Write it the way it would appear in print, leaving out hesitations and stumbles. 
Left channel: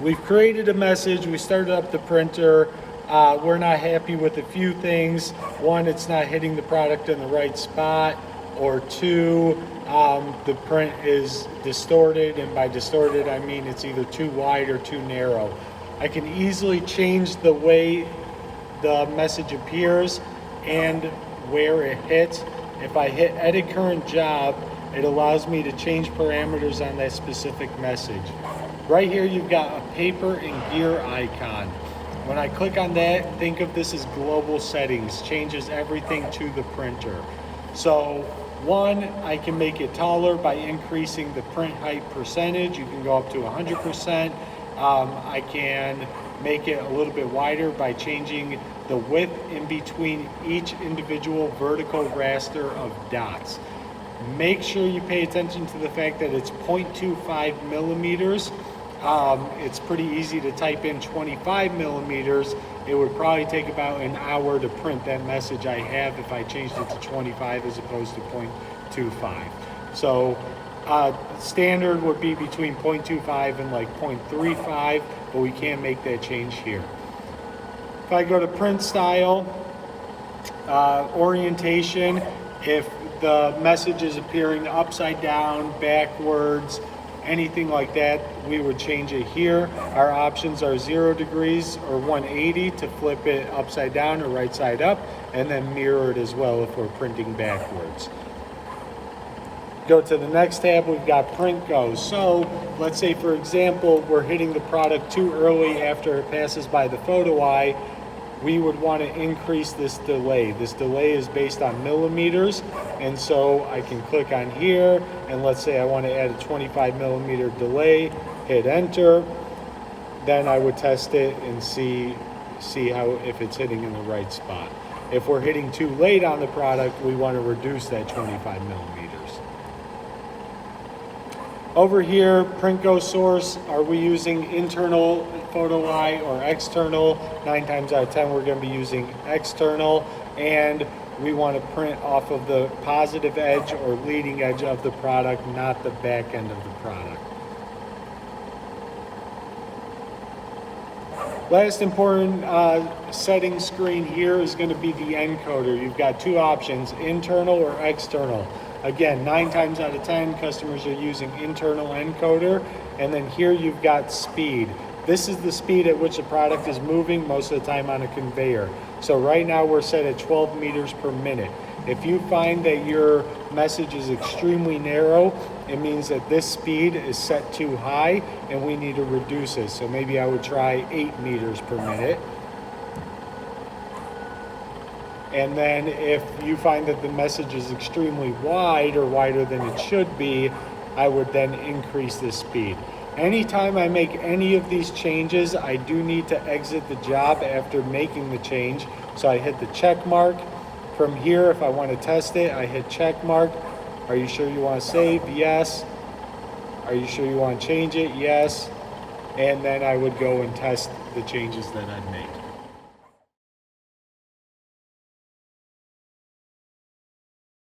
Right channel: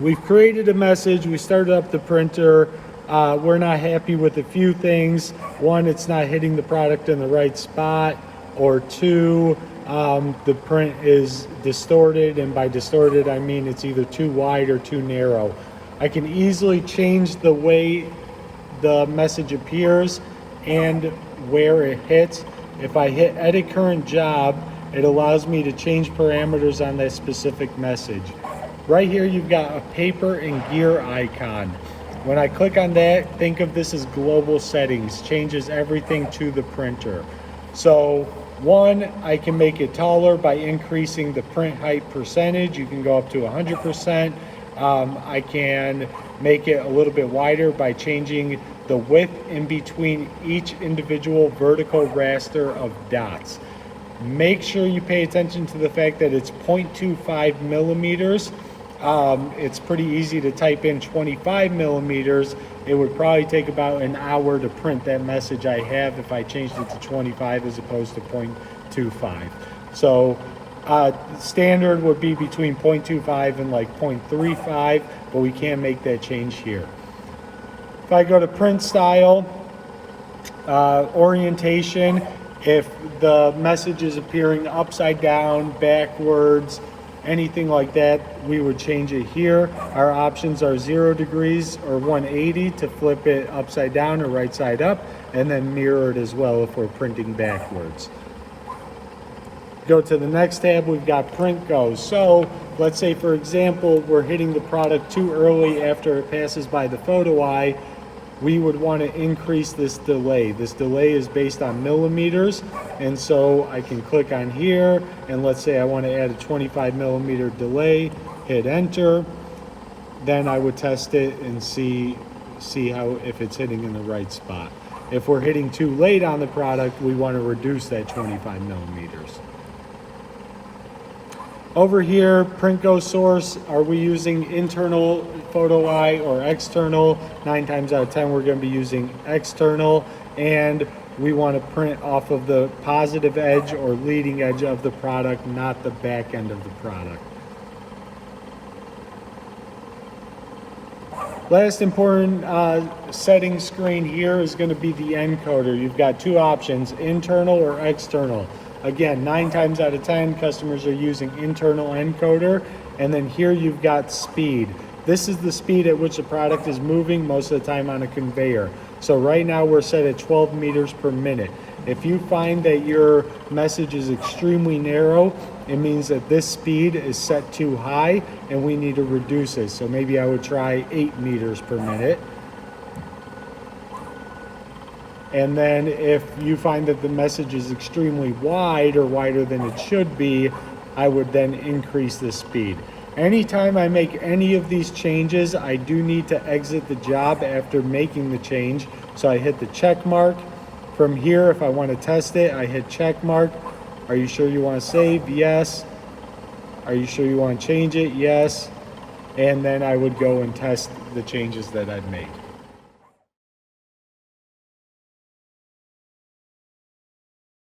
We've created a message, we started up the printer. We're not happy with a few things. One, it's not hitting the product in the right spot, or two, the print is distorted, and by distorted I mean it's either too wide or too narrow. I can easily change the way the message appears and where it hits. If I hit edit current job, it allows me to change parameters on that specific message. Right here you've got a paper and gear icon. When I click on that, think of this as global settings, changes everything to the printer. So one, I can make it taller by increasing the print height percentage. You can go up to 100%. I can make it a little bit wider by changing the width in between each individual vertical raster of dots. Make sure you pay attention to the fact that it's 0.25 millimeters. It's pretty easy to type in 25 millimeters. It would probably take about an hour to print that message I have if I changed it to 25 as opposed to 0.25. So standard would be between 0.25 and like 0.35, but we can make that change here. If I go to print style, orientation, if the message is appearing upside down, backwards, anything like that, we would change it here. Our options are 0 degrees or 180 to flip it upside down or right side up, and then mirrored as well if we're printing backwards. Go to the next tab, we've got print goes. So let's say, for example, we're hitting the product too early after it passes by the photo eye. We would want to increase this delay. This delay is based on millimeters, and so I can click on here, and let's say I want to add a 25 millimeter delay, hit enter. Then I would test it and see how, if it's hitting in the right spot. If we're hitting too late on the product, we want to reduce that 25 millimeters. Over here, print go source, are we using internal photo eye or external? 9 times out of 10 we're going to be using external, and we want to print off of the positive edge or leading edge of the product, not the back end of the product. Last important setting screen here is going to be the encoder. You've got two options, internal or external. Again, 9 times out of 10 customers are using internal encoder, and then here you've got speed. This is the speed at which the product is moving most of the time on a conveyor. So right now we're set at 12 meters per minute. If you find that your message is extremely narrow, it means that this speed is set too high and we need to reduce it. So maybe I would try 8 meters per minute. And then if you find that the message is extremely wide or wider than it should be, I would then increase the speed. Anytime I make any of these changes, I do need to exit the job after making the change. So I hit the check mark. From here, if I want to test it, I hit check mark. Are you sure you want to save? Yes. Are you sure you want to change it? Yes. And then I would go and test the changes that I've made.